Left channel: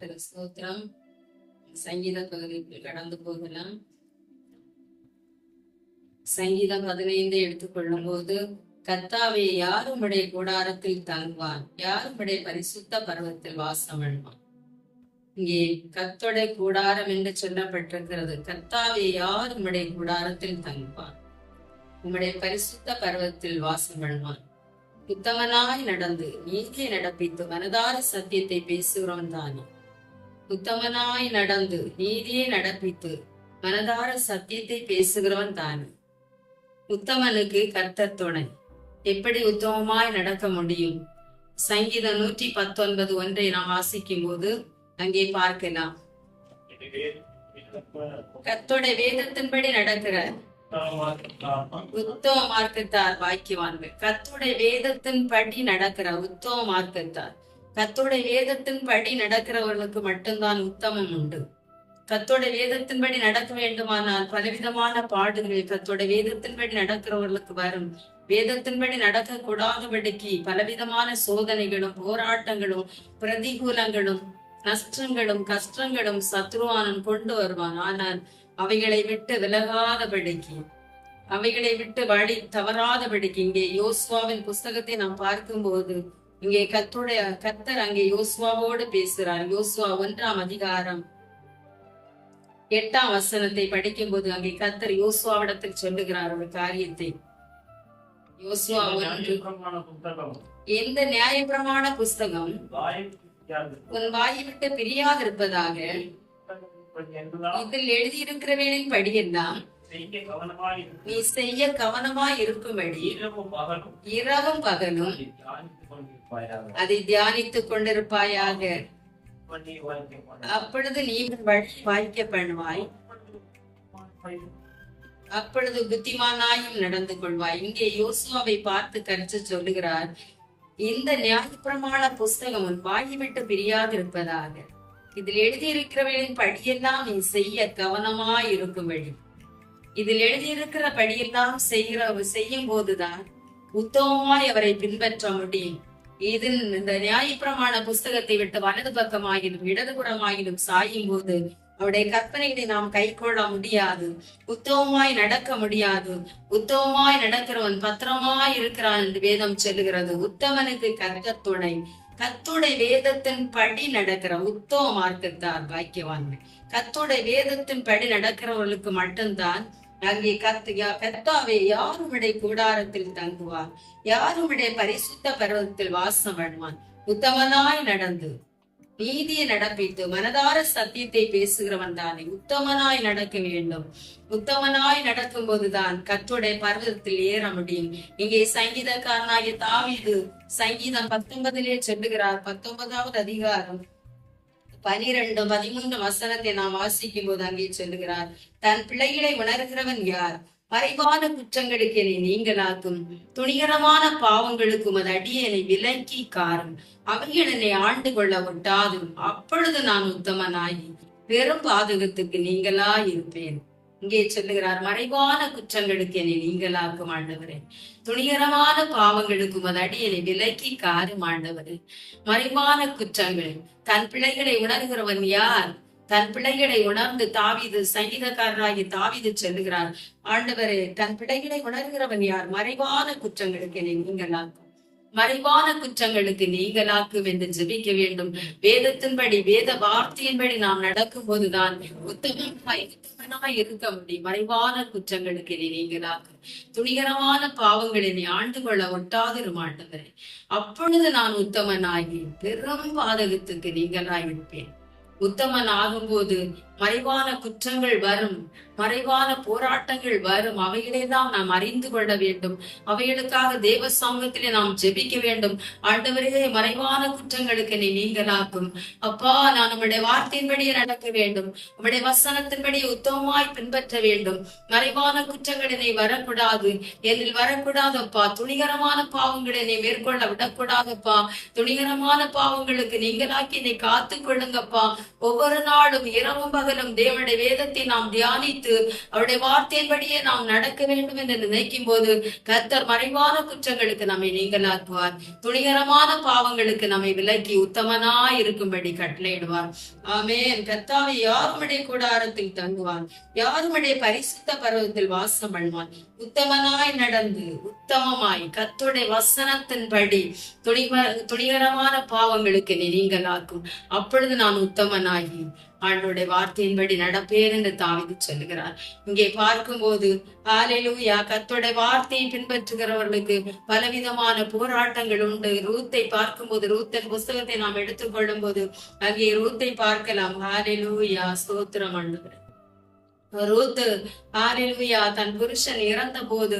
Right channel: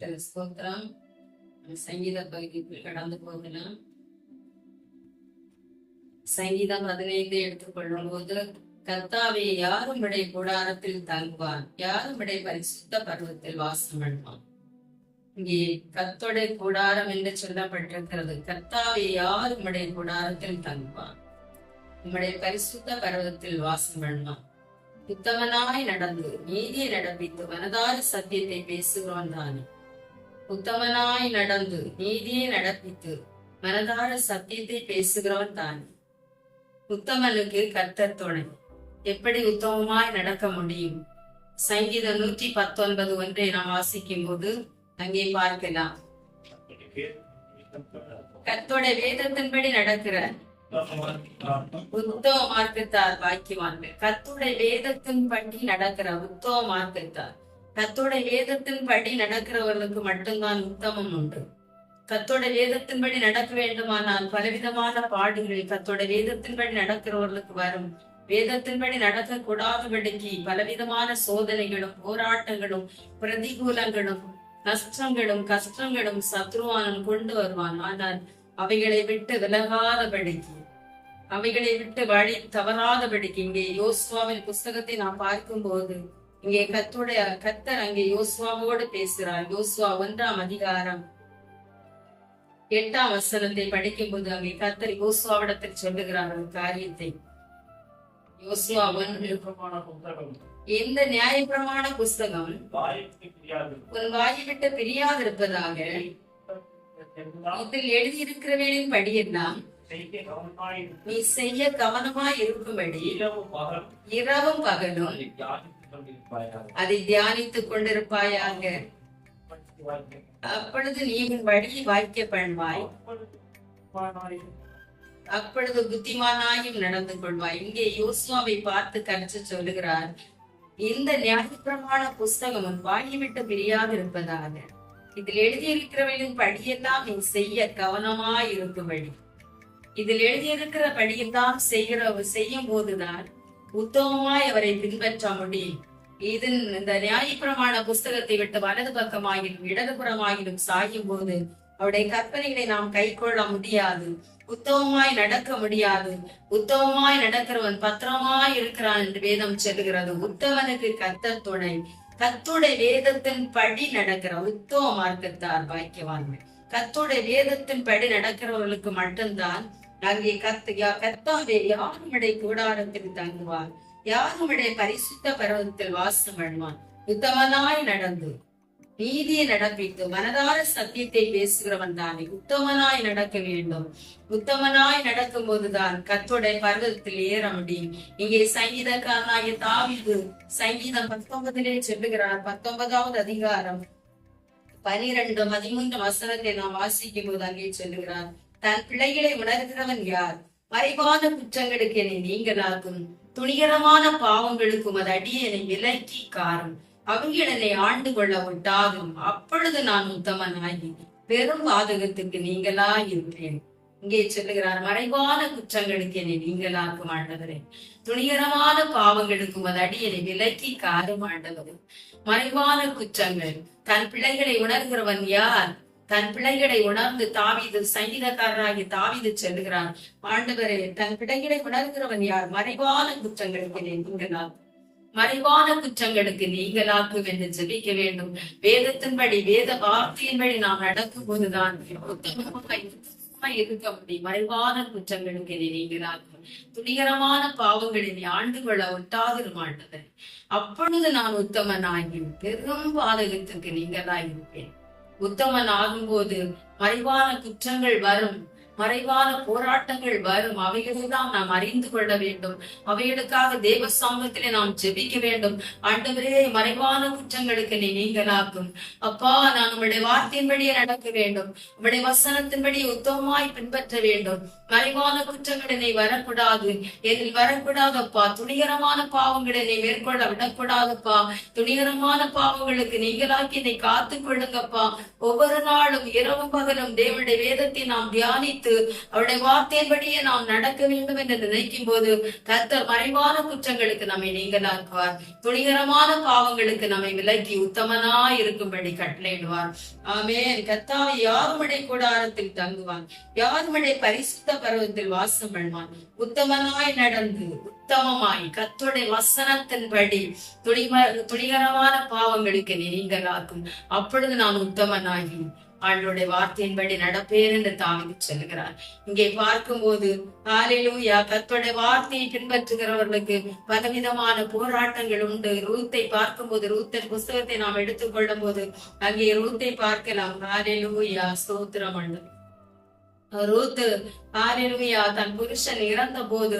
ஸ்தோத்திரம் சங்கீத பகுதிக்கு கடந்து போகலாம். சங்கீதம் பதினைந்து எடுத்துக்கொள்ளும் போது கர்த்தாவே யாரும் விடை கூடாரத்தில் தங்குவான். யாரும் விடை பரிசுத்த பருவத்தில் வாசம் பண்ணுவான் இங்கே கத்தோட கூடாரம் என்று சொல்லப்பட்டிருக்கிறது. கர்த்தாவே யாரும் விடை கூடாரத்தில் தங்குவான். உம்முடைய பரிசுத்த பருவத்தில் வாசம் பண்ணுவான் புத்தகனாய் நடந்து நீதியை நடப்பித்து மனதார சத்தியத்தை பேசுகிறோம் தானே. உத்தமனாய் நடந்து நீதியை நடப்பித்து மனதார சத்தியத்தை பேசுகிறவன் தான். உத்தமனுக்கு கர்த்தர் துணை. எப்படி உத்தமமாய் நடக்க முடியும்? சங்கீதம் நூற்றி பத்தொன்பது ஒன்றை நாம் வாசிக்கும் போது அங்கே பார்க்கலாம். கர்த்தோட வேதத்தின்படி நடக்கிற உத்தவ மார்க்கத்தார் பாக்கியவான்கள். கத்துடைய வேதத்தின் படி நடக்கிற உத்தவ மார்க்கத்தார். கத்தோட வேதத்தின் படி நடக்கிறவர்களுக்கு மட்டும்தான் உத்தமம் உண்டு. கத்தோட வேதத்தின்படி நடக்க வேண்டுமானால் பலவிதமான பாடுகள் கத்தோட வேதத்தின்படி நடக்கிறவர்களுக்கு வரும். வேதத்தின்படி நடக்க கூடாதபடிக்கு பலவிதமான சோதனைகளும் போராட்டங்களும் பிரதிகூலங்களும் நஷ்டங்களும் கஷ்டங்களும் சத்ருவானன் கொண்டு வருவான். ஆனால் அவைகளை விட்டு விலகாதபடிக்கு அவைகளை விட்டு வழி தவறாதபடிக்கு இங்கே யோசுவாவின் புஸ்தகத்தை நாம் பார்க்கும்போது இங்கே கத்துடைய கத்தர் அங்கே யோசுவாவோடு பேசுறார் யோசுவா ஒன்றாம் அதிகாரம் எட்டாம் வசனத்தை படிக்கும்போது அங்கே கத்தர் யோசுவாவிடத்தில் சொல்லுகிறார் ஒரு காரியத்தை. யோசுவா எந்த நியாயப்பிரமாண புஸ்தகம் உன் வாயை விட்டு பிரியாதிருப்பதாக இதில் எழுதியிருக்கிறவனின் படியெல்லாம் நீ செய்ய கவனமாய் இருக்கும்படி இரவும் பகலும் அதை தியானித்துக் கொண்டிருப்பாயாக. அப்பொழுது நீ உன் வழி வாய்க்க பண்ணுவாய். அப்பொழுது புத்திமானாயும் நடந்து கொள்வாய். இங்கே யோசுவாவை பார்த்து கருத்து சொல்லுகிறார் இந்த நியாயப்பிரமாண புஸ்தகம் உன் வாயை விட்டு பிரியாதிருப்பதாக. இதில் எழுதியிருக்கிறவர்களின் படியெல்லாம் நீ செய்ய கவனமாய் இருக்கும்படி. இதில் எழுதியிருக்கிற படியெல்லாம் செய்கிற செய்யும் போதுதான் உத்தமமாய் அவரை பின்பற்ற முடியும். இது இந்த நியாயப்பிரமாண புஸ்தகத்தை விட்டு வலது பக்கமாகிலும் இடதுபுறமாகிலும் சாயும் போது அவருடைய கற்பனைகளை நாம் கை கொள்ள முடியாது. உத்தமமாய் நடக்க முடியாது. உத்தமமாய் நடக்கிறவன் பத்திரமாய் இருக்கிறான் என்று வேதம் சொல்லுகிறது. உத்தமனுக்கு கர்த்த துணை. கத்துடைய வேதத்தின் படி நடக்கிற உத்தம மார்க்கத்தார் பாக்கியவான்கள். கத்துடைய வேதத்தின் படி நடக்கிறவர்களுக்கு மட்டும்தான் அங்கே கத்து கத்தாவே யாருமிடை கூடாரத்தில் தங்குவார். யாருமிடை பரிசுத்த பருவத்தில் வாசம் பண்ணுவான் உத்தமனாய் நடந்து நீதியை நடப்பித்து மனதார சத்தியத்தை பேசுகிறவன் தானே. உத்தமனாய் நடக்க வேண்டும். உத்தமனாய் நடக்கும் போதுதான் கத்துடைய பர்வதத்தில் ஏற முடியும். இங்கே சங்கீதக்காரனாகிய தாவிது சங்கீதம் பத்தொன்பதிலே சொல்லுகிறார். பத்தொன்பதாவது அதிகாரம் பனிரெண்டு பதிமூன்று வசனத்தை நாம் வாசிக்கும் போது அங்கே சொல்லுகிறார். தன் பிள்ளைகளை உணர்கிறவன் யார்? மறைவான குற்றங்களுக்கு என்னை நீங்களாக்கும். துணிகரமான பாவங்களுக்கும் அது அடியனை விலக்கி காரும். அவைகள் என்னை ஆண்டு கொள்ள ஒட்டாதும். அப்பொழுது நான் உத்தமனாகி பெரும் பாதகத்துக்கு நீங்களா இருப்பேன் இங்கே சொல்லுகிறார் மறைவான குற்றங்களுக்கு என்னை நீங்களாக்கும் ஆண்டவரே. துணிகரமான பாவங்களுக்கும் அது அடியனை விலக்கி காரும் ஆண்டவரே. மறைவான குற்றங்கள் தன் பிள்ளைகளை உணர்கிறவன் யார்? தன் பிள்ளைகளை உணர்ந்து தாவிது சங்கீதக்காரராகி தாவிது செல்லுகிறார். ஆண்டவரே தன் பிள்ளைகளை உணர்கிறவன் யார்? மறைவான குற்றங்களுக்கு என்னை மறைவான குற்றங்களுக்கு நீங்களாக்கும் என்று ஜெபிக்க வேண்டும். வேதத்தின்படி வேத வார்த்தையின்படி நாம் நடக்கும் போதுதான் உத்தமமாய் உத்தமனாய் இருக்க முடியும். மறைவான குற்றங்களுக்கு என்னை நீங்களாக்கும். துணிகரமான பாவங்களை நீ ஆண்டு கொள்ள ஒட்டாதிரும் ஆண்டவரே அப்பொழுது நான் உத்தமனாகி பெரும் பாதகத்துக்கு நீங்களாயிருப்பேன். உத்தமன் ஆகும்போது மறைவான குற்றங்கள் வரும். மறைவான போராட்டங்கள் வரும். அவைகளை தான் நாம் அறிந்து கொள்ள வேண்டும். அவைகளுக்காக தேவ சாங்கத்திலே நாம் ஜெபிக்க வேண்டும். ஆண்டவரே மறைவான குற்றங்களுக்கு நீ நீங்களாக்கும். அப்பா நான் உங்களுடைய வார்த்தையின்படியே நடக்க வேண்டும். உங்களுடைய வசனத்தின்படி உத்தமமாய் பின்பற்ற வேண்டும். மறைவான குற்றங்கள் என்னை வரக்கூடாது. என்னில் வரக்கூடாதப்பா. துணிகரமான பாவங்களை நீ மேற்கொள்ள விடக்கூடாதப்பா. துணிகரமான பாவங்களுக்கு நீங்களாக்கி என்னை காத்துக் கொள்ளுங்கப்பா ஒவ்வொரு நாளும் இரவும் பகலும் தேவனுடைய வேதத்தை நாம் தியானித்து வைத்து அவருடைய வார்த்தையின்படியே நாம் நடக்க வேண்டும் என்று நினைக்கும் போது கர்த்தர் மறைவான குற்றங்களுக்கு நம்மை நீங்களாக்குவார் துணிகரமான பாவங்களுக்கு நம்மை விலக்கி உத்தமனாய் இருக்கும்படி கட்டளையிடுவார். ஆமேன். கர்த்தாவை யாருமடை கூடாரத்தில் தங்குவான். யாருமடை பரிசுத்த பருவத்தில் வாசம் பண்ணுவான். உத்தமனாய் நடந்து உத்தமமாய் கத்துடைய வசனத்தின்படி துணிக துணிகரமான பாவங்களுக்கு நீங்களாக்கும் அப்பொழுது நான் உத்தமனாகி ஆண்டோடைய வார்த்தையின்படி நடப்பேன் என்று தாவிதி சொல்லுகிறார். இங்கே பார்க்கும்போது ஆலையிலூயா கத்தோட வார்த்தையை பின்பற்றுகிறவர்களுக்கு பலவிதமான போராட்டங்கள் உண்டு. ரூத்தை பார்க்கும்போது ரூத்தன் புஸ்தகத்தை நாம் எடுத்துக்கொள்ளும் போது அங்கே ரூத்தை பார்க்கலாம். ஆலையிலூயா சோத்திரம் ஆண்டவரே. ரூத்து. ஆலிலூயா தன் புருஷன் இறந்த போது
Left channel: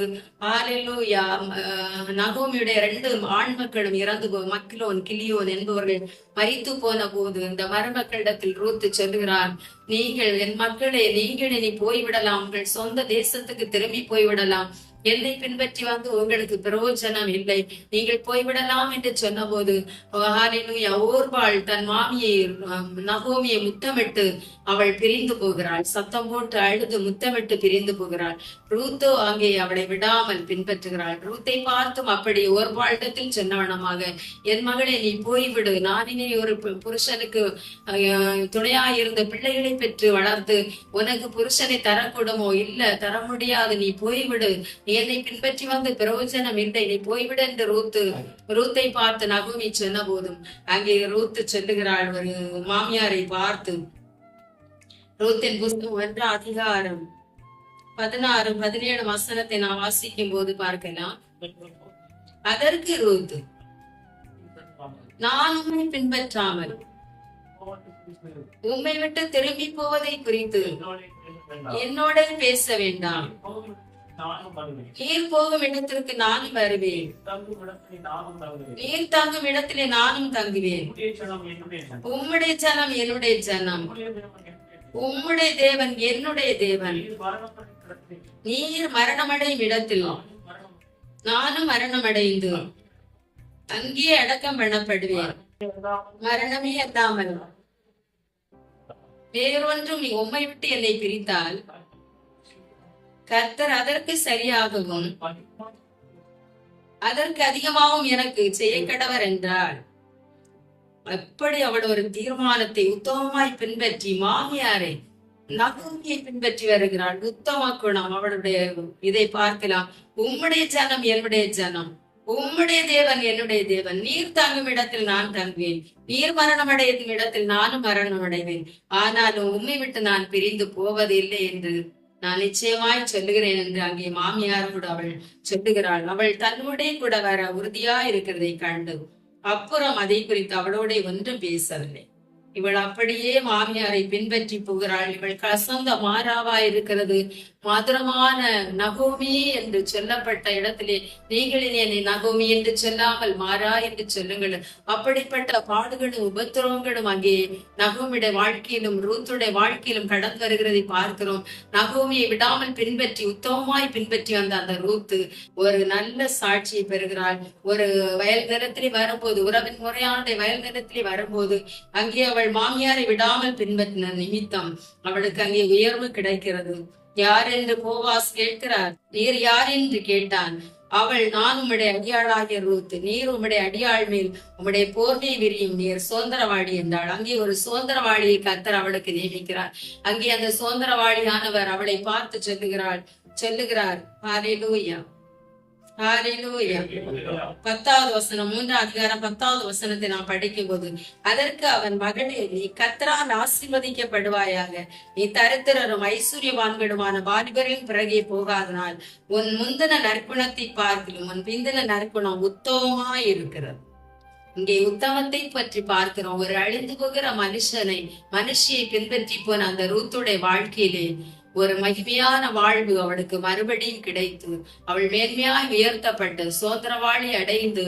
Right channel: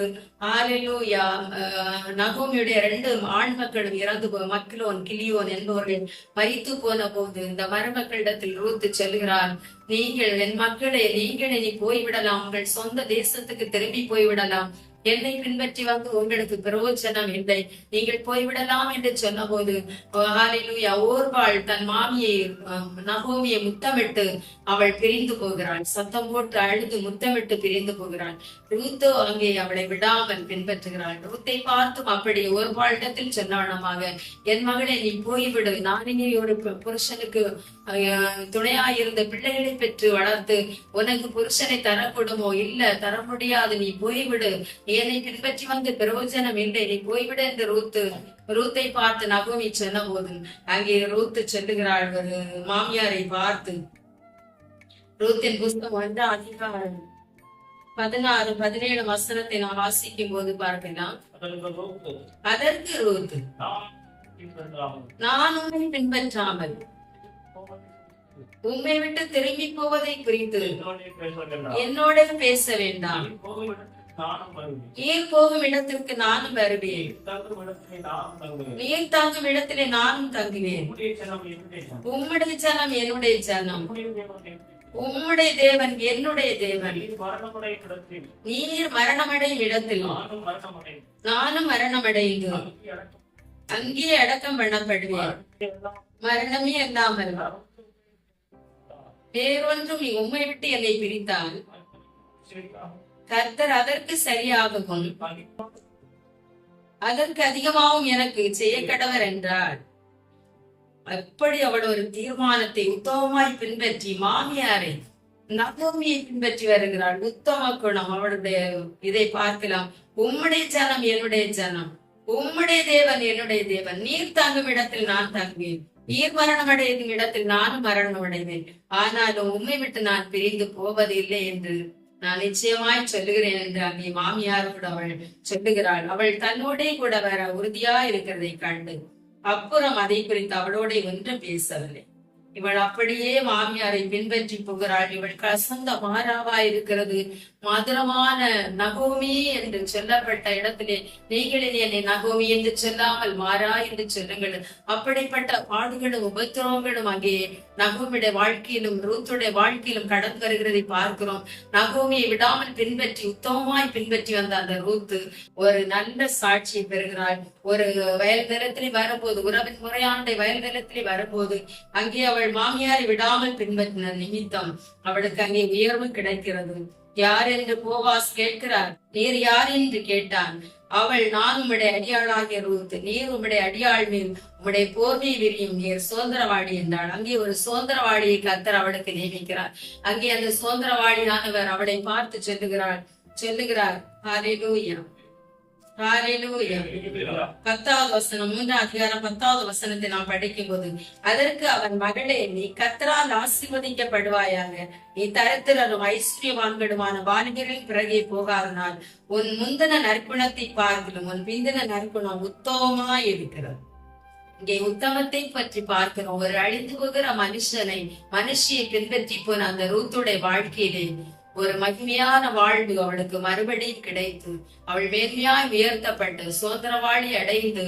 ஆலிலூயா அஹ், நகோமியுடைய ரெண்டு ஆண் மக்களும் இறந்து போ மக்கிலோன் கிளியோன் என்பவர்கள் வைத்து போன போது இந்த மருமக்களிடத்தில் ரூத்து செல்கிறார் நீங்கள் என் மக்களே நீங்கள் இனி போய்விடலாம். உங்கள் சொந்த தேசத்துக்கு திரும்பி போய்விடலாம். என்னை பின்பற்றி வந்து உங்களுக்கு பிரயோஜனம் இல்லை. நீங்கள் போய்விடலாம் என்று சொன்னபோது ஹalleluya ஓர்பாள் தன் மாமியை நகோமியை முத்தமிட்டு அவள் பிரிந்து போகிறாள். சத்தம் போட்டு அழுது முத்தமிட்டு பிரிந்து போகிறாள். ரூத்தோ அங்கே அவளை விடாமல் பின்பற்றுகிறாள். ரூத்தை பார்த்தும் அப்படி ஒரு ஓர்பாளிடத்தில் சொன்னவனமாக என் மகளே நீ போய்விடு. நான் இனி ஒரு பு- புருஷனுக்கு அஹ், துணையாயிருந்த பிள்ளைகளை பெற்று வளர்த்து உனக்கு புருஷனை தரக்கூடுமோ? இல்ல தர முடியாது. நீ போய்விடு. என்னை பின்பற்றி வந்து பிரயோஜனம் இல்லை. நீ போய்விடு என்று ரூத்து ரூத்தை பார்த்து நகோமி சொன்ன போதும் அங்கே ரூத்து சொல்லுகிறாள் ஒரு மாமியாரை பார்த்து. ரூத்தின் புஸ்தகம் ஒன்று அதிகாரம் பதினாறு பதினேழு வசனத்தை நான் வாசிக்கும் போது பார்க்கலாம். அதற்கு ரூத்து நான் உம்மை பின்பற்றாமல் உம்மை விட்டு திரும்பி போவதை குறித்து என்னோட பேச வேண்டாம். நீர் போகும் இடத்திற்கு நானும் வருவேன். நீர் தங்கும் இடத்திலே நானும் தங்குவேன். உம்முடைய ஜனம் என்னுடைய ஜனம். உம்முடைய தேவன் என்னுடைய தேவன். நீர் மரணமடையும் இடத்தில். நானும் மரணமடைந்து அங்கே அடக்கம். பண்ணப்படுவேன். மரணமே அல்லாமல். வேறொன்றும் நீ உம்மை விட்டு என்னை பிரித்தால். கர்த்தர் அதற்கு சரியாகவும் அதற்கு அதிகமாகவும் எனக்கு செய்ய கடவர் என்றாள் அப்படி அவள் ஒரு தீர்மானத்தை உத்தமமாய் பின்பற்றி மாமியாரை நகோமியை பின்பற்றி வருகிறாள். உத்தம குணம் அவளுடைய இதை பார்க்கலாம். உம்முடைய ஜனம் என்னுடைய ஜனம். உம்முடைய தேவன் என்னுடைய தேவன். நீர் தங்கும் இடத்தில் நான் தங்குவேன். நீர் மரணம் அடையும் இடத்தில் நானும் மரணம் அடைவேன் ஆனாலும் உம்மை விட்டு நான் பிரிந்து போவதில்லை என்று நான் நிச்சயமாய் சொல்லுகிறேன் என்று அங்கே மாமியார் கூட அவள் சொல்லுகிறாள். அவள் தன்னோடே கூட வர உறுதியா இருக்கிறதை கண்டு அப்புறம் அதை குறித்து அவளோட ஒன்றும் பேசவில்லை. இவள் அப்படியே மாமியாரை பின்பற்றி போகிறாள் இவள் கசந்த மாறாவா இருக்கிறது. மதுரமான நகோமி என்று சொல்லப்பட்ட இடத்திலே நீங்களில் என்னை நகோமி என்று சொல்லாமல் மாறா என்று சொல்லுங்கள். அப்படிப்பட்ட பாடுகளும் உபத்திரவங்களும் அங்கே நகோமியுடைய வாழ்க்கையிலும் ரூத்துடைய வாழ்க்கையிலும் கடந்து வருகிறதை பார்க்கிறோம். நகோமியை விடாமல் பின்பற்றி உத்தமமாய் பின்பற்றி வந்த அந்த ரூத்து ஒரு நல்ல சாட்சியை பெறுகிறாள். ஒரு வயல் நிலத்திலே வரும்போது உறவின் முறையாண்டை வயல் நிலத்திலே வரும்போது அங்கே அவள் மாமியாரை விடாமல் பின்பற்றின நிமித்தம் அவளுக்கு அங்கே உயர்வு கிடைக்கிறது. யார் என்று போவாஸ் கேட்கிறார்? நீர் யார் என்று கேட்டான்? அவள் நான் உம்முடைய அடியாளாகிய ரூத். நீர் உம்முடைய அடியாள் மேல் உம்முடைய போர்வை விரியும். நீர் சுதந்திரவாடி என்றாள். அங்கே ஒரு சுதந்திரவாடியை கத்தர் அவளுக்கு நியமிக்கிறார் அங்கே அந்த சுதந்திரவாடியானவர் அவளை பார்த்து சொல்லுகிறாள். சொல்லுகிறார். ஹalleluya. லூயா பத்தாவது வசனம் மூன்றாம் அதிகாரம் பத்தாவது வசனத்தை நாம் படிக்கும் போது அதற்கு அவன் மகளே நீ கத்தரால் ஆசீர்வதிக்கப்படுவாயாக. நீ தரித்திரரும் ஐஸ்வர்யவான்களுமான வாலிபரின் பிறகே போகாதனால் உன் முந்தின நற்குணத்தை பார்க்கிலும் உன் பிந்தின நற்குணம் உத்தமமாய் இருக்கிறது. இங்கே உத்தமத்தை பற்றி பார்க்கிறோம். ஒரு அழிந்து போகிற மனுஷனை மனுஷியை பின்பற்றி போன அந்த ரூத்துடைய வாழ்க்கையிலே ஒரு மகிமையான வாழ்வு அவளுக்கு மறுபடியும் கிடைத்து அவள் மேன்மையாய் உயர்த்தப்பட்டு சோதரவாளி அடைந்து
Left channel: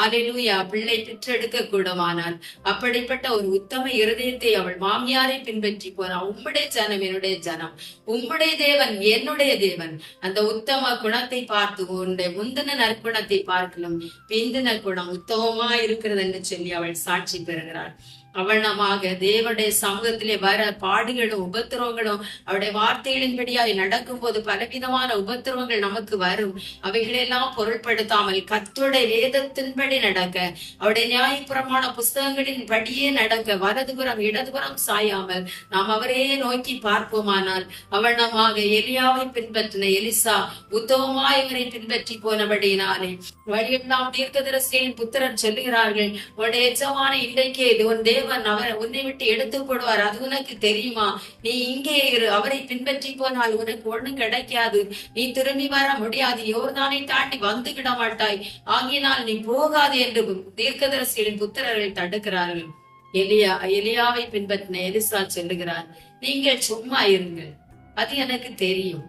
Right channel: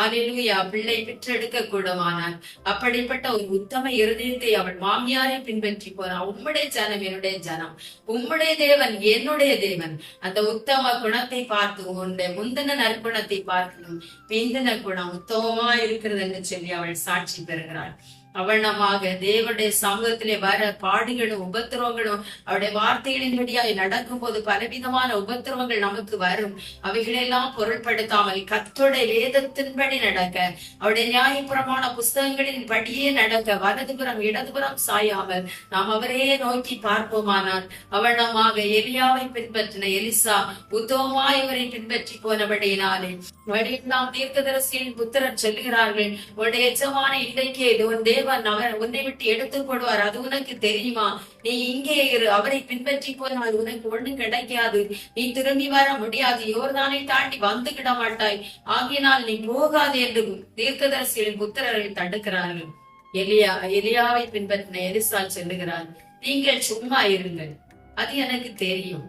ஆலிலூயா பிள்ளை பெற்றெடுக்க கூடமானாள். அப்படிப்பட்ட ஒரு உத்தம இருதயத்தை அவள் மாமியாரை பின்பற்றி போனாள் உம்முடைய ஜனம் என்னுடைய ஜனம். உம்முடைய தேவன் என்னுடைய தேவன். அந்த உத்தம குணத்தை பார்த்து உன்னுடைய முந்தின நற்குணத்தை பார்க்கணும். பிந்தின குணம் உத்தமமா இருக்கிறதுன்னு சொல்லி அவள் சாட்சி பெறுகிறாள். அவனமாக தேவனுடைய சமூகத்திலே வர பாடுகளும் உபத்திரவங்களும் அவருடைய வார்த்தைகளின்படியாய் நடக்கும் போது பலவிதமான உபத்திரவங்கள் நமக்கு வரும். அவைகளெல்லாம் பொருட்படுத்தாமல் கத்தோடைய வேதத்தின்படி நடக்க அவருடைய நியாயபுரமான புஸ்தகங்களின் படியே நடக்க வலதுபுறம் இடதுபுறம் சாயாமல் நாம் அவரே நோக்கி பார்ப்போமானால் அவனமாக எலியாவை பின்பற்றின எலிசா உத்தவமாய் அவரை பின்பற்றி போனபடியினாலே வழியெல்லாம் தீர்க்கதரசியின் புத்திரன் சொல்லுகிறார்கள் உடைய எஜமான இன்றைக்கே இது ஒன் தேவ தேவன் அவர் உன்னை விட்டு எடுத்து போடுவார். அது உனக்கு தெரியுமா? நீ இங்கே இரு. அவரை பின்பற்றி போனால் உனக்கு ஒண்ணும் கிடைக்காது. நீ திரும்பி வர முடியாது. யோர்தானை தாண்டி வந்துகிட மாட்டாய். ஆகினால் நீ போகாது என்று தீர்க்கதரிசிகளின் புத்திரர்கள் தடுக்கிறார்கள். எலியா எலியாவை பின்பற்றின எலிசா சொல்லுகிறார். நீங்கள் சும்மா இருங்கள். அது எனக்கு தெரியும்.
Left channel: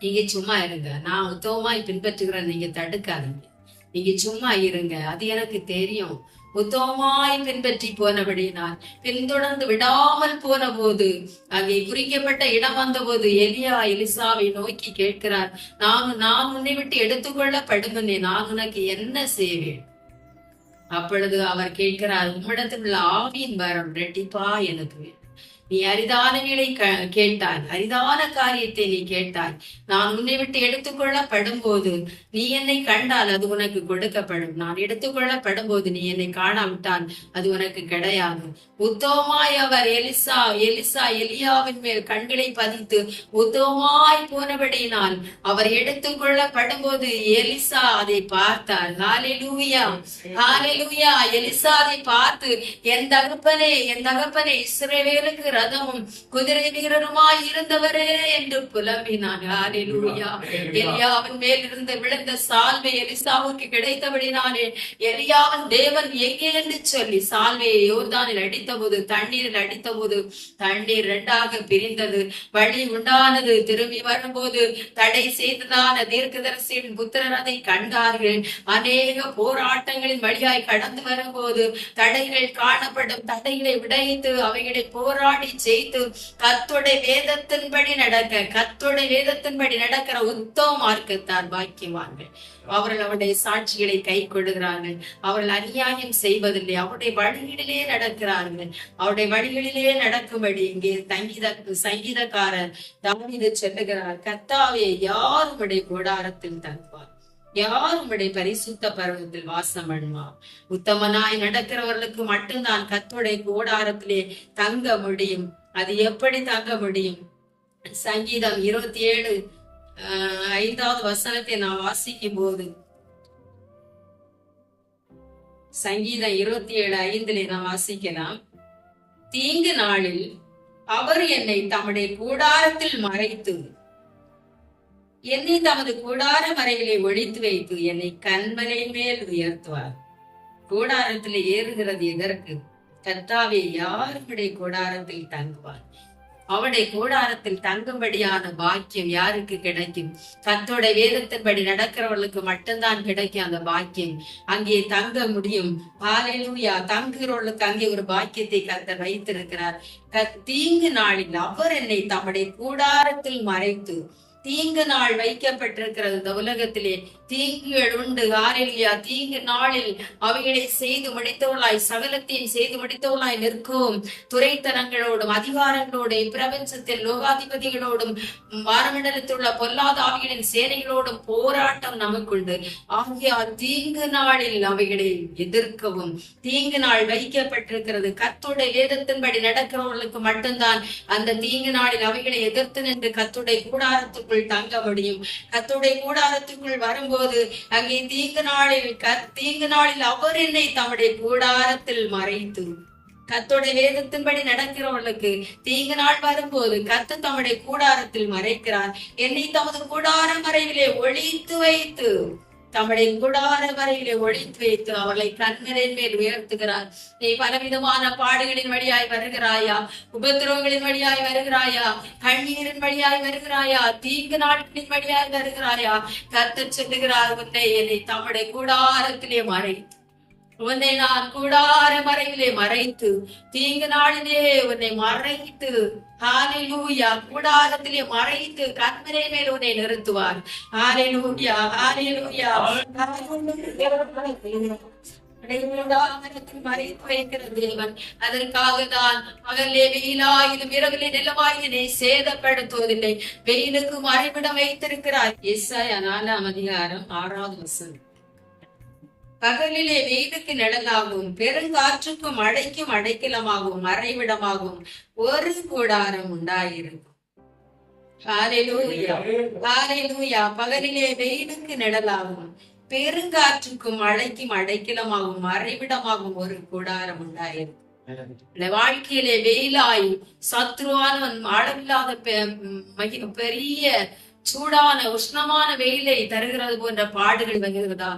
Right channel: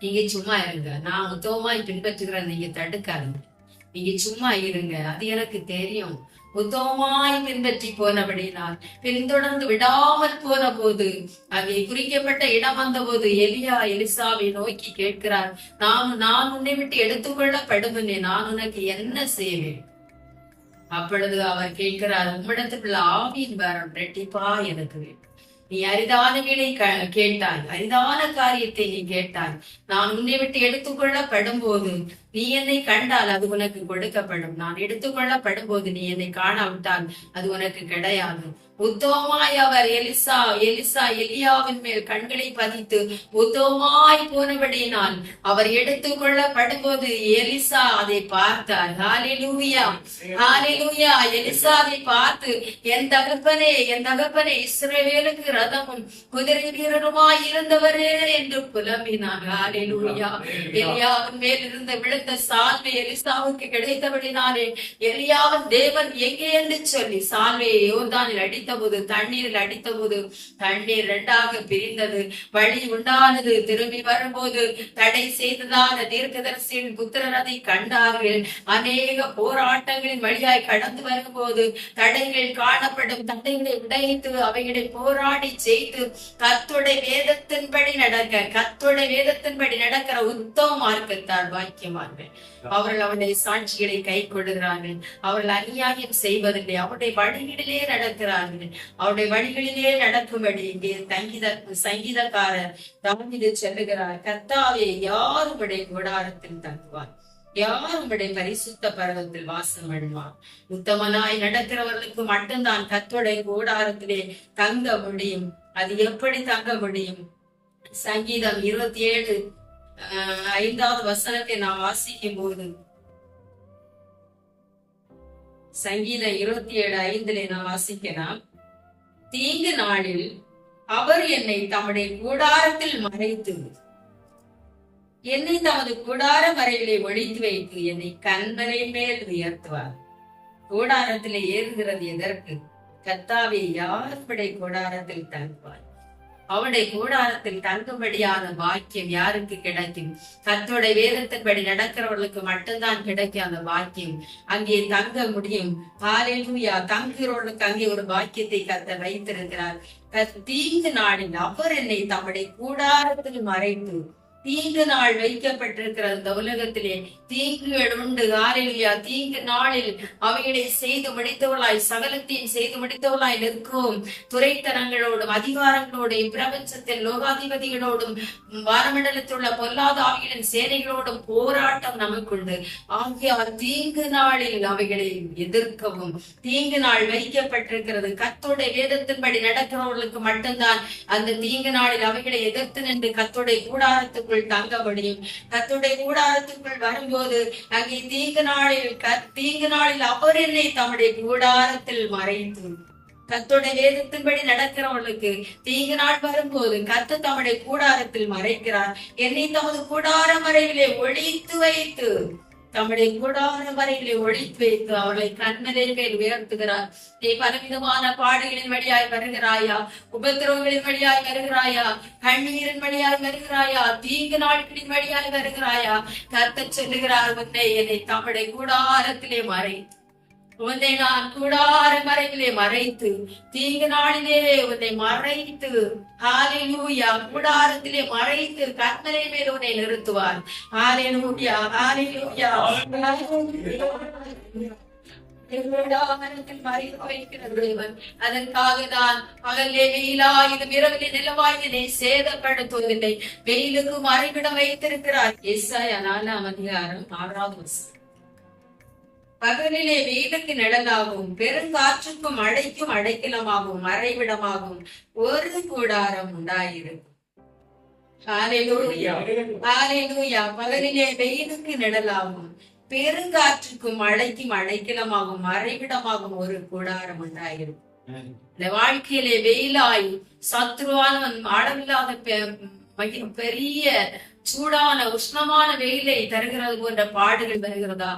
நீங்க சும்மா இருங்க. நான் உத்தவமாய் பின்பற்றுகிறேன். நீங்க தடுக்காதீங்க. நீங்க சும்மா இருங்க. அது எனக்கு தெரியும். உத்தமமாய் பின்பற்றி போனபடினால் பின்தொடர்ந்து விடாமல் போன போது அங்கே குறிக்கப்பட்ட இடம் வந்த போது எலியா எலிசாவை நோக்கி கேட்கிறார் நான் நான் உன்னை விட்டு எடுத்துக்கொள்ளப்படும் நான் உனக்கு என்ன செய்வேன் அப்பொழுது அவர் கேட்கிறார் உம்மிடத்தில் உள்ள ஆவியின் வரம் ரெட்டிப்பா எனக்கு வேண்டும். நீ அரிதான க- கேட்டாய். அரிதான காரியத்தை நீ கேட்டாய். நான் உன்னை விட்டு எடுத்துக்கொள்ளப்படும் போது நீ என்னை கண்டால் அது உனக்கு கொடுக்கப்படும். நான் எடுத்துக்கொள்ளப்படும் போது நீ என்னை காணாவிட்டால் அது உனக்கு கிடையாது. உத்தவமாய் அவர் எலிசா எலிசா எலியாவின் மேல் கண்களை பதித்து உத்தவமாய் போனபடியினால் அவர் எடுத்துக்கொள்ளப்படும் போது எலிசா அதை பார்த்தார். ஹalleluya. ஹalleluya. எலிசா அதை பார்த்து என் தகப்பனே என் தகப்பனே இஸ்ரவேலுக்கு ரதமும் குதிரை வீரருமாய் இருந்தவரே என்று புலம்பினார் ஹalleluya. எலியாவின் மேல் இருந்து விழுந்த சால்வை எலிசாவுக்கு கிடைத்தபடினாலே எலியாவின் தேவன் எங்கே என்று சொல்லி சால்வையை யோர்தானில் அடித்தபோது தண்ணீரில் அடித்தபோது தண்ணீர் இரண்டாக பிரிந்தது. வழி உண்டானது. திரும்பி வரும்போது தடை செய்ததான தீர்க்கதரிசியின் புத்திரர் அதை கண்டார்கள். அநேக போராட்டங்களின் வழியாய் கடந்து வரும்போது தடைகள் காணப்படும். தடைகளை உடைத்து அவைகளை போராடி ஜெயித்து கத்துடைய வேதத்தின்படி நடக்க கத்துடைய வேதத்தின்படி நடக்கிற உத்தம மார்க்கத்தார் பாக்கியவான்கள். அவர்கள் அவருடைய சாட்சிகளை கை கொள்கிறார்கள் அவர்கள் அநியாயம் செய்வதில்லை. அவருடைய வழிகளிலே நடக்கிறார்கள். அவருடைய வழிகளிலே நடக்கும்படி இங்கே சங்கீத சங்கீதக்காரர் தாவீது செல்லுகிறார். கத்தாவே யாருடைய கூடாரத்தில் தங்குவார். யார் உங்களுடைய பரிசுத்த பருவத்தில் வாசம் பண்ணுவார் உத்தமனாய் நடக்கிறவர்களுக்கு மட்டும்தான் கத்துடைய கூடாரத்திலே தங்க முடியும். அது எப்படி தங்க முடியும்? சங்கீதம் இருபத்தி ஏழு ஆஹ், ஐந்தாவது வசனத்தை நான் வாசிக்கும் போது சங்கீதம் இருபத்தி ஏழு ஐந்துல நான் வாசிக்கலாம். தீங்கு நாளில் அவர் என்னை தம்முடைய கூடாரத்தில் மறைத்து என்னை தமது கூடார மறைவிலே ஒழித்து வைத்து என்னை கண்மலை மேல் உயர்த்துவார். கூடாரத்திலே ஏறுகிறது எதற்கு? கத்தாவே யாருடைய கூடாரத்தில் தங்குவார்? அவருடைய கூடாரத்தில் தங்கும்படியான பாக்கியம் யாருக்கு கிடைக்கும்? கத்தோட வேதத்தின்படி நடக்கிறவர்களுக்கு மட்டும்தான் கிடைக்கும் அந்த பாக்கியம். அங்கே தங்க முடியும். காலையிலூயா தங்குகிறவர்களுக்கு அங்கே ஒரு பாக்கியத்தை கத்த வைத்திருக்கிறார். தீங்கு நாளில் அவர் என்னை தம்முடைய கூடாரத்தில் மறைத்து தீங்கு நாள் வைக்கப்பட்டிருக்கிறது இந்த உலகத்திலே. தீங்குகள் உண்டு ஆரெலியா தீங்கு நாளில் அவைகளை செய்து முடித்தவளாய் சகலத்தையும் செய்து முடித்தவளாய் நிற்கும். துறைத்தனங்களோடும் அதிகாரங்களோடும் பிரபஞ்சத்தில் லோகாதிபதிகளோடும் வாரமண்டலத்தில் உள்ள பொல்லாத ஆவிகளின் சேனைகளோடும் போராட்டம் நமக்குண்டு. ஆகியார் தீங்கு நாளில் அவைகளை எதிர்க்கவும். தீங்கு நாள் வைக்கப்பட்டிருக்கிறது. கத்தோடைய வேதத்தின்படி நடக்கிறவர்களுக்கு மட்டும்தான் அந்த தீங்கு நாளில் அவைகளை எதிர்த்து நின்று கத்தோடைய கூடாரத்துக்குள் தங்க முடியும். கத்துடைய கூடாரத்துக்குள் வரும்போது அங்கே தீங்கு நாளில் தீங்கு நாளில் அவர் என்னை தம்முடைய கூடாரத்தில் மறைத்து. கத்துடைய வேதத்தின்படி நடக்கிறவர்களுக்கு தீங்கு நாள் வரும்போது கத்து தம்முடைய கூடாரத்தில் மறைக்கிறார். என்னை தமது கூடார மறைவிலே ஒழித்து வைத்து. தம்முடைய கூடார வரையிலே ஒழித்து வைத்து அவளை கண்மலின் மேல் உயர்த்துகிறார். நீ பலவிதமான பாடுகளின் வழியாய் வருகிறாயா? உபத்திரவங்களின் வழியாய் வருகிறாயா? கண்ணீரின் வழியாய் வருகிறாயா? தீங்கு நாட்களின் வழியாய் வருகிறாயா? கத்த சொல்லுகிறார் உன்னை என்னை தம்முடைய கூடாரத்திலே மறைத்து உன்னை நான் கூடார மறைவிலே மறைத்து தீங்கு நாளிலே உன்னை மறைத்து ஹalleluya கூடாரத்திலே மறைத்து கண்மலை மேல் உன்னை நிறுத்துவார். ஹalleluya ஹalleluya. கூடாரத்தில் மறைத்து வைக்கிற தேவன். அதற்காக தான் பகலே வெயிலாயிலும் இரவிலே நிலவாயினை சேதப்படுத்துவதில்லை. வெயிலுக்கு மறைவிடம் வைத்திருக்கிறார். எஸ்ஐயா நாலாம் அதிகாரம் ஆறாவது வசனம். பகலிலே வெயிலுக்கு நிழலாகவும் பெருங்காற்றுக்கும் மழைக்கும் அடைக்கலமாகவும் மறைவிடமாகவும் ஒரு கூடாரம் உண்டாயிருக்கும். பகலிலே வெயிலுக்கு நிழலாகவும் பெருங்காற்றுக்கும் மழைக்கும் அடைக்கலமாகவும் மறைவிடமாகவும் ஒரு கூடாரம் உண்டாயிருக்கும். இந்த வாழ்க்கையிலே வெயிலாய் சத்ருவானவன் அளவில்லாத பெரிய சூடான உஷ்ணமான வெயிலை தருகிறது போன்ற பாடுகள் வருகிறதா?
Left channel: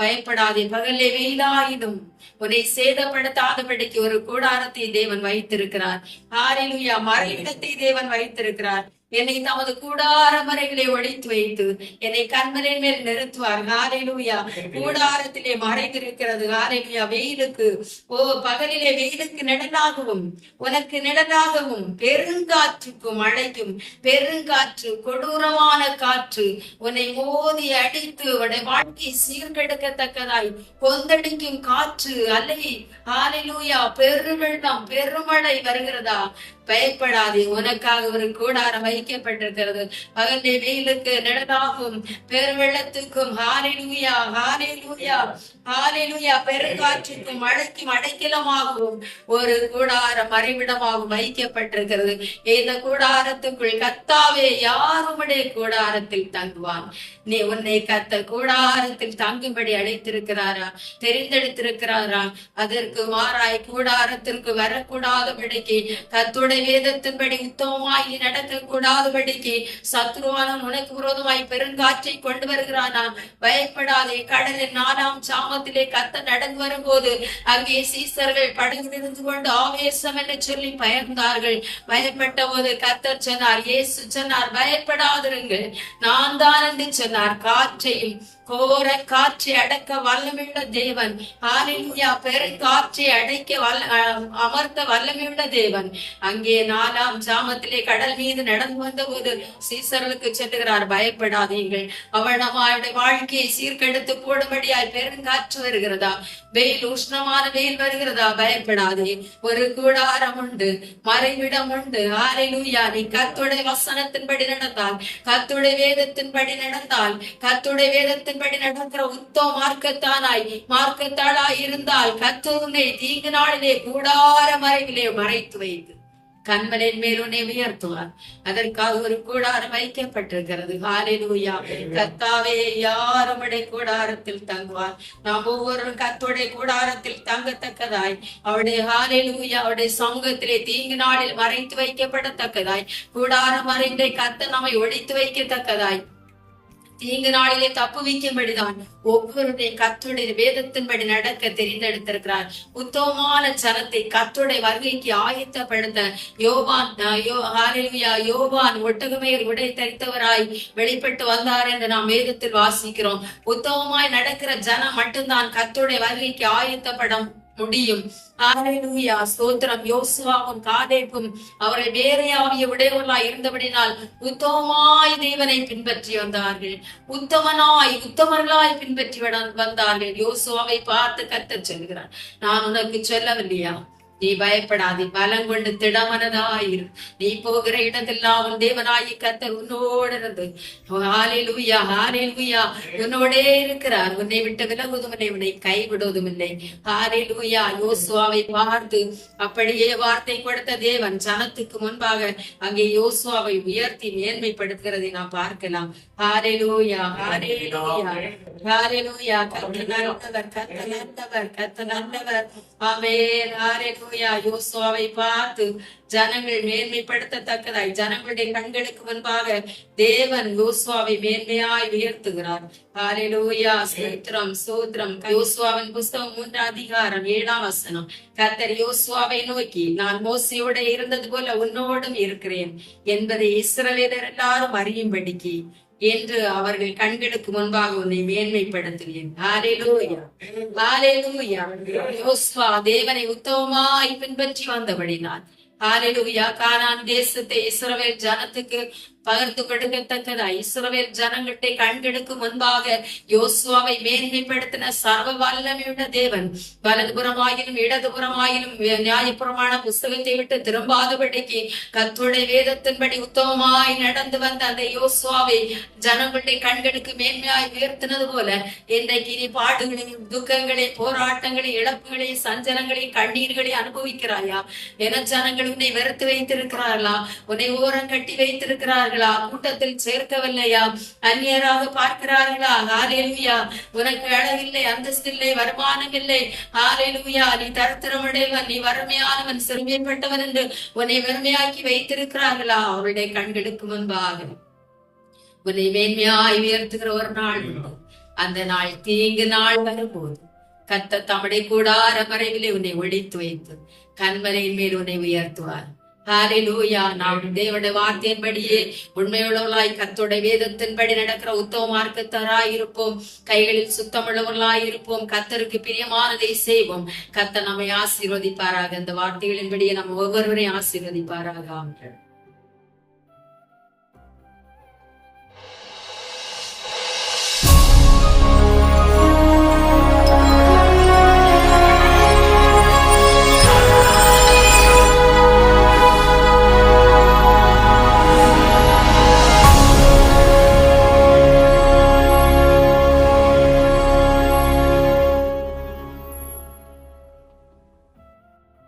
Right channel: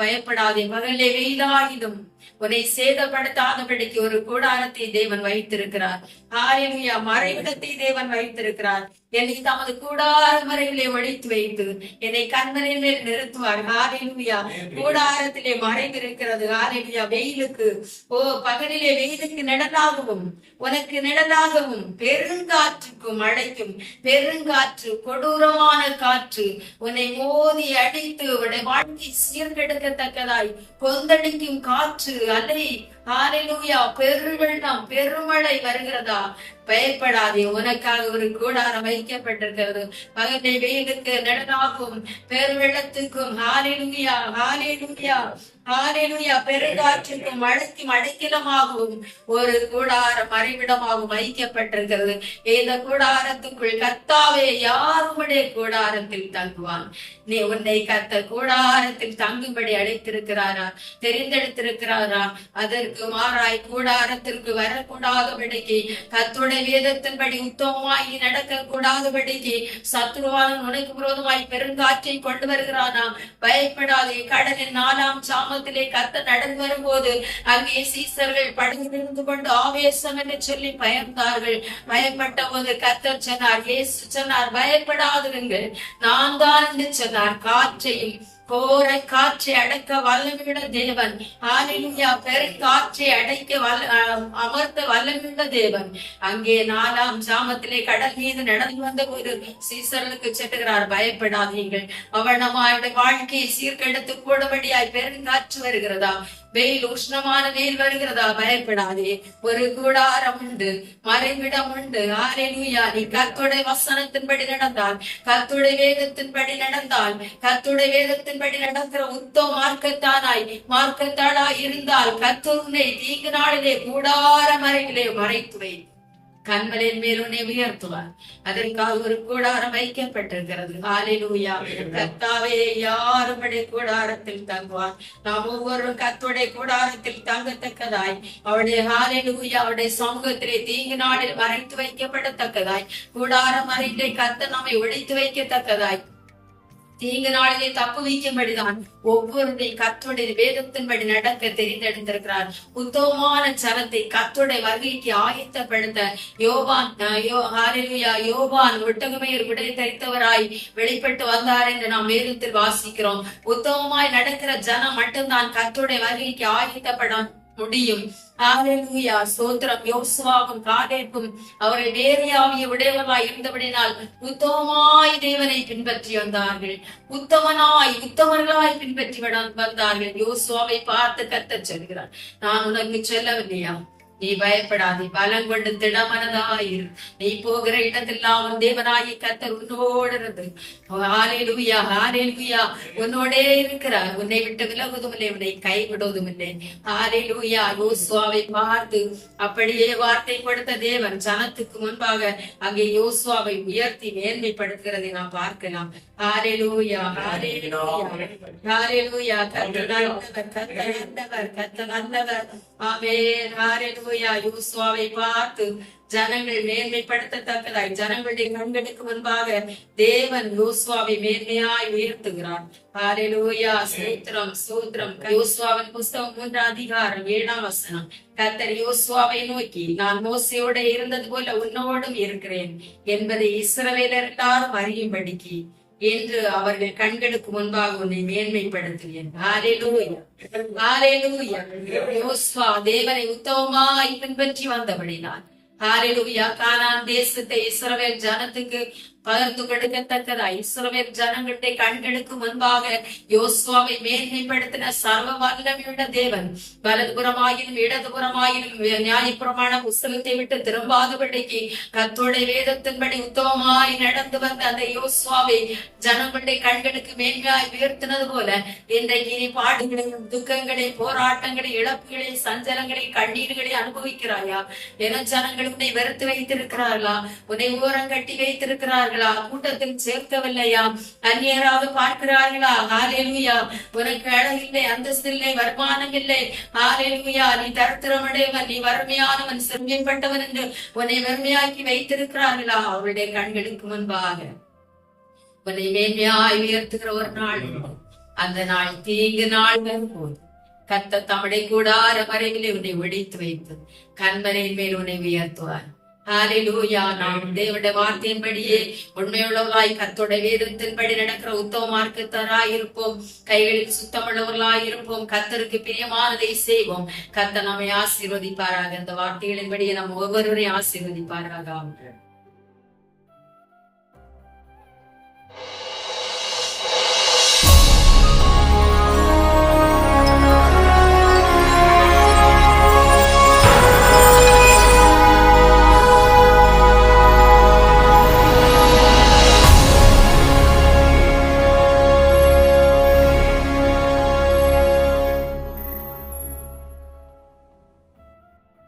பயப்படாதே பகலே வெயிலாயிலும் உன்னை சேதப்படுத்தாதபடிக்கு ஒரு கூடாரத்தை தேவன் வைத்திருக்கிறார். ஆரிலுயா மறைவிடத்தை தேவன் வைத்திருக்கிறார். என்னை தமது கூடார மறைவிலே ஒழித்து வைத்து என்னை கண்மலின் மேல் நிறுத்துவார். ஹாலேலூயா கூடாரத்திலே மறைந்திருக்கிறது. ஹாலேலூயா வெயிலுக்கு ஓ பகலிலே வெயிலுக்கு நிழலாகவும் உனக்கு நிழலாகவும் பெருங்காற்றுக்கும் மழைக்கும் பெருங்காற்று கொடூரமான காற்று உன்னை மோதி அடித்து உன்னை வாழ்க்கை சீர்கெடுக்கத்தக்கதாய் கொந்தடிக்கும் காற்று அல்லை ஹாலேலூயா பெருவெள்ளம் பெருமழை வருகிறதா? பயப்படாதே உனக்காக ஒரு கூடாரம் வைக்கப்பட்டிருக்கிறது. பகலை வெயிலுக்கு நிழலாகும் பெருவெள்ளத்துக்கும் ஹாலிலூயா ஹாலிலூயா ஹாலிலூயா பெருங்காற்றுக்கும் மழைக்கும் அடைக்கலமாகவும் ஒரு கூடாரம் மறைவிடமாகவும் வைக்கப்பட்டிருக்கிறது. இந்த கூடாரத்துக்குள் கத்தாவே யாருடைய கூடாரத்தில் தங்குவான் நீ உன்னை கத்த கூடாரத்தில் தங்கும்படி அழைத்திருக்கிறாரா? தெரிந்தெடுத்திருக்கிறாரா? அதற்கு மாறாய் கூடாரத்திற்கு வரக்கூடாதபடிக்கு கத்துடைய வேதத்தின்படி உத்தமமாய் நீ நடக்க கூடாதபடிக்கு சத்ருவானும் உனக்கு விரோதமாய் பெருங்காற்றை கொண்டு வருகிறானா? பயப்படாதே கடலின் நாலாம் சாமத்திலே கத்த நடந்து வரும்போது அங்கே சீசர்கள் படகிலிருந்து கொண்டு ஆவேசம் என்று சொல்லி பயந்தார்கள். பயப்பட்ட போது கத்தர் சொன்னார் இயேசு சொன்னார் பயப்படாதிருங்கள். நான் தான் என்று சொன்னார் காற்றையும் போரை காற்றை அடக்க வல்லமையுள்ள தேவன். ஹalleluya பெருங்காற்றை அடைக்க வல்ல அமர்த்த வல்லமையுள்ள தேவன். அங்கே நாலாம் சாமத்திலே கடல் மீது நடந்து வந்த போது சீசர்களுக்கு செத்துகிறார் பயப்படாதீர்கள். அவனமாயுடைய வாழ்க்கையை சீர்கெடுத்து கூடபடியாய் பெருங்காற்று வருகிறதா? வெயில் உஷ்ணமான வெயில் வருகிறதா? பயப்படாதே. ஒரு கூடாரம் உண்டு. மறைவிடம் உண்டு. ஹalleluya நீ கத்துடைய வசனத்தின்படி நடந்தால் கத்துடைய வேதத்தின்படி நடந்தால் கத்துடைய வேதத்தின் வேதத்தின்படி நடக்கிற உத்தம மார்க்கத்தானாய் மார்க்கத்தாளாய் இருந்தால் கர்த்தர் உன்னை தீங்கு நாளிலே கூடார மறைவிலே மறைத்து வைத்து கண்மலின் மேல் உன்னை உயர்த்துவார். அதற்காக ஒரு கூடாரம் வைக்கப்பட்டிருக்கிறது. ஹalleluya. கர்த்தாவே யாருடைய கூடாரத்தில் தங்குவார். நாம் ஒவ்வொருவரும் கர்த்தருடைய கூடாரத்தில் தங்கத்தக்கதாய் அவருடைய ஹalleluya அவருடைய சமூகத்திலே தீங்கு நாளில் மறைத்து வைக்கப்படத்தக்கதாய் கூடாரம் மறைந்தை கர்த்தர் நம்மை ஒழித்து வைக்கத்தக்கதாய். தீங்கு நாளிலே தப்பு வைக்கும்படிதான் ஒவ்வொருடைய கத்துடைய வேதத்தின்படி நடக்க தெரிந்தெடுத்திருக்கிறார். உத்தமமான சனத்தை கத்துடைய வருகைக்கு ஆயத்தப்படுத்த யோபான் யோ- யோபான் ஒட்டகமேல் உடை தரித்தவராய் வெளிப்பட்டு வந்தார் என்று நாம் வேதத்தில் வாசிக்கிறோம். உத்தமமாய் நடக்கிற ஜனம் மட்டும்தான் கத்துடைய வருகைக்கு ஆயத்தப்பட முடியும். ஹாலேலூயா ஸ்தோத்திரம். யோசுவாவும் காலேப்பும் அவர்கள் வேறையாவிய உடையவர்களாய் இருந்தபடினால் உத்தமமாய் தேவனை பின்பற்றி வந்தார்கள். உத்தமனாய் உத்தமர்களாய் பின்பற்றி வட- வந்தார்கள். யோசுவாவை பார்த்து கத்த சொல்கிறார். நான் உனக்கு சொல்லவில்லையா? நீ பயப்படாதே பலம் கொண்டு திடமனதாயிரு. நீ போகிற இடத்தெல்லாம் உன் தேவனாயி கத்தர் உன்னோடு இருந்து. ஹalleluya ஹalleluya. உன்னோடே இருக்கிறார். உன்னை விட்டு விலகுவதும் இல்லை உன்னை கைவிடுவதும் இல்லை ஹalleluya. யோசுவாவை பார்த்து அப்படியே வார்த்தை கொடுத்த தேவன் ஜனத்துக்கு முன்பாக அங்கே யோசுவாவை உயர்த்தி மேன்மைப்படுத்துகிறதை நாம் பார்க்கலாம். ஹalleluya ஹalleluya. ஹalleluya. கர்த்தர் நல்லவர் கர்த்தர் நல்லவர் கர்த்தர் நல்லவர். ஆமென். ஹalleluya யோசுவாவை பார்த்து ஜனங்கள் மேன்மைப்படுத்தத்தக்கதாய் ஜனங்களுடைய கண்களுக்கு முன்பாக தேவன் யோசுவாவை மேன்மையாய் உயர்த்துகிறார். ஹalleluya சூத்திரம் சூத்திரம் யோசுவாவின் புஸ்தகம் மூன்றாம் அதிகாரம் ஏழாம் வசனம். கத்தர் யோசுவாவை நோக்கி நான் மோசையோட இருந்தது போல உன்னோடும் இருக்கிறேன் என்பதை இஸ்ரவேலர் எல்லாரும் அறியும்படிக்கு. என்று அவர்கள் கண்களுக்கு முன்பாக உன்னை மேன்மைப்படுத்துவேன். ஹalleluya. தேவனை உத்தமமாய் பின்பற்றி வந்தபடினான் ஹalleluya. கானான் தேசத்தை இஸ்ரவேல் ஜனத்துக்கு பகிர்ந்து கெடுக்கத்தக்கதா. இஸ்ரவேல் ஜனங்களுடைய கண்களுக்கு முன்பாக யோசுவாவை மேன்மைப்படுத்தின சர்வ வல்லமையுள்ள தேவன். வலதுபுறமாயினும் இடதுபுறமாயினும் நியாயபுறமான புஸ்தகத்தை விட்டு திரும்பாதபடிக்கு கத்துடைய வேதத்தின்படி உத்தமமாய் நடந்து வந்த அந்த யோசுவாவை ஜனங்களுடைய கண்களுக்கு மேன்மையாய் உயர்த்தினது போல இன்றைக்கு நீ பாடுகளையும் துக்கங்களை போராட்டங்களை இழப்புகளை சஞ்சலங்களை கண்ணீர்களை அனுபவிக்கிறாயா? என ஜனங்கள் உன்னை வெறுத்து வைத்திருக்கிறார்களா? உன்னை ஓரம் கட்டி வைத்திருக்கிறார்களா கூட்டத்தில் சேர்க்கவில்லையா? அந்நியராக பார்க்கிறார்களா? ஆலேலுயா உனக்கு அழகில்லை அந்தஸ்தில்லை வருமானம் இல்லை ஆலேலுயா நீ தரித்திரமடைவன் நீ வறுமையானவன் சிறுமியப்பட்டவன் என்று உன்னை வறுமையாக்கி வைத்திருக்கிறார்களா? அவருடைய கண்களுக்கு முன்பாக. உன்னை மேன்மையாய் உயர்த்துகிற ஒரு நாள் உண்டு. அந்த நாள் தீங்கு நாள் வரும்போது கத்த தமிழை கூடார மறைவிலே உன்னை ஒழித்து வைத்து கண்மறையின் மேல் உன்னை உயர்த்துவார். நாம் தேவனுடைய வார்த்தையின்படியே உண்மையுள்ளவர்களாய் கத்தோட வேதத்தின்படி நடக்கிற உத்தவ மார்க்கத்தராய் கைகளில் சுத்தமுள்ளவர்களாயிருப்போம் கத்தருக்கு பிரியமானதை செய்வோம். கத்த நம்மை ஆசீர்வதிப்பாராக. இந்த வார்த்தைகளின்படியே நம்ம ஒவ்வொருவரையும் ஆசீர்வதிப்பாராக.